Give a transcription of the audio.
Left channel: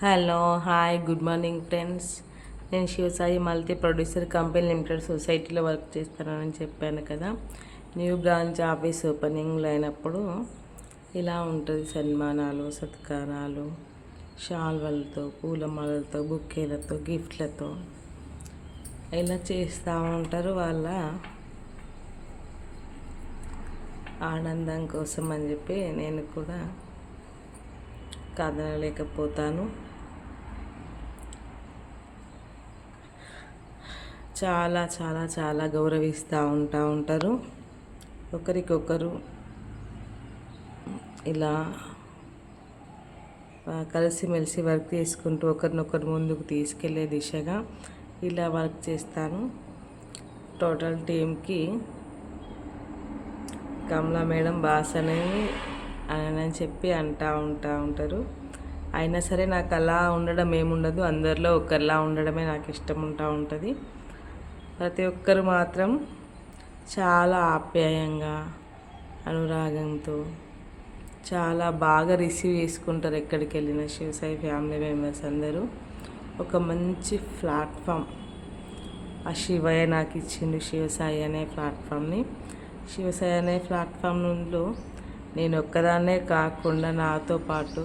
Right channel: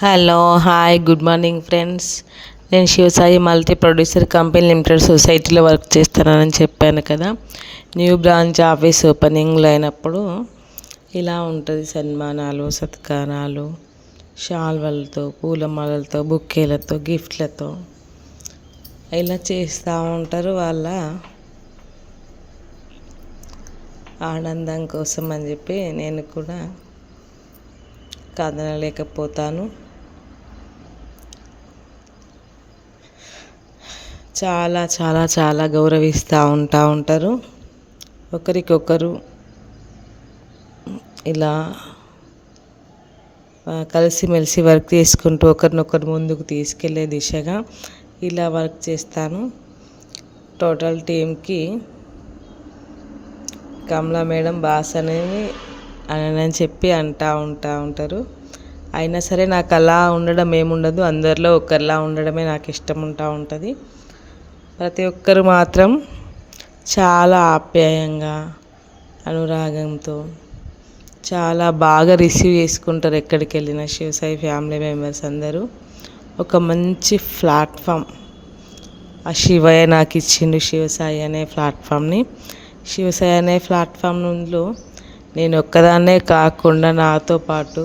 Hello hi good morning friends. నేను Shivasai multi producer company limited సొసైటీలో work చేస్తానని చెప్పాను కదా. న్యూ బ్రాంచ్ ఆఫీస్ ఓపెనింగ్లో అయినప్పుడు ఇలా ఉంటుంది సన్మానాలు సత్కారాలు షాల్వలతో పూలమాలలతో బుక్కేలతో గిఫ్ట్లతో. ఇలా చేస్తూ ఉంటారు వాళ్ళ ఆనందం కోసం అని చెప్పి నేను కూడా కాదనలేకపోతాను. చాలా చాలా చాలా గౌరవిస్తూ ఉంటా ఉంటారు. ఒకరికొకరు ఇలా కలిసిమెలిసి వర్క్ చేసుకుంటూ ఒకరినొకరు ముందుకు తీసుకెళ్ళే దిశగా ఇలా వర్క్ చేస్తాను. టోటల్ టీంకి కమలా మేడం బాస్ అనేది అని చెప్పి అంటూ ఉంటా ఉంటారు. అయినా సరే నాకు అలా ఉండడం ఏముండదు. అందరిలో ఒకరిలా ఉండడమే నాకు ఇష్టం ఉంటా ఉంటుంది. ప్రతి ఒక్కరు మాత్రం చాలా ఆప్యాయంగా అనురాగంతో చాలా బాగా రిసీవ్ చేసుకుంటారు ఎక్కడికి వెళ్ళిన. శివసాయి ఫ్యామిలీ మెంబర్స్ అందరూ ఒక మంచి ప్లాట్ఫామ్ ఆ శివయ్య నాకు ఇచ్చిండు శివసాయి అనే ప్లాట్ఫామ్ని శివసాయి అనే ప్లాట్ఫామ్లో నేను ఒక్కదాన్నే కాకుండా నాతో పాటు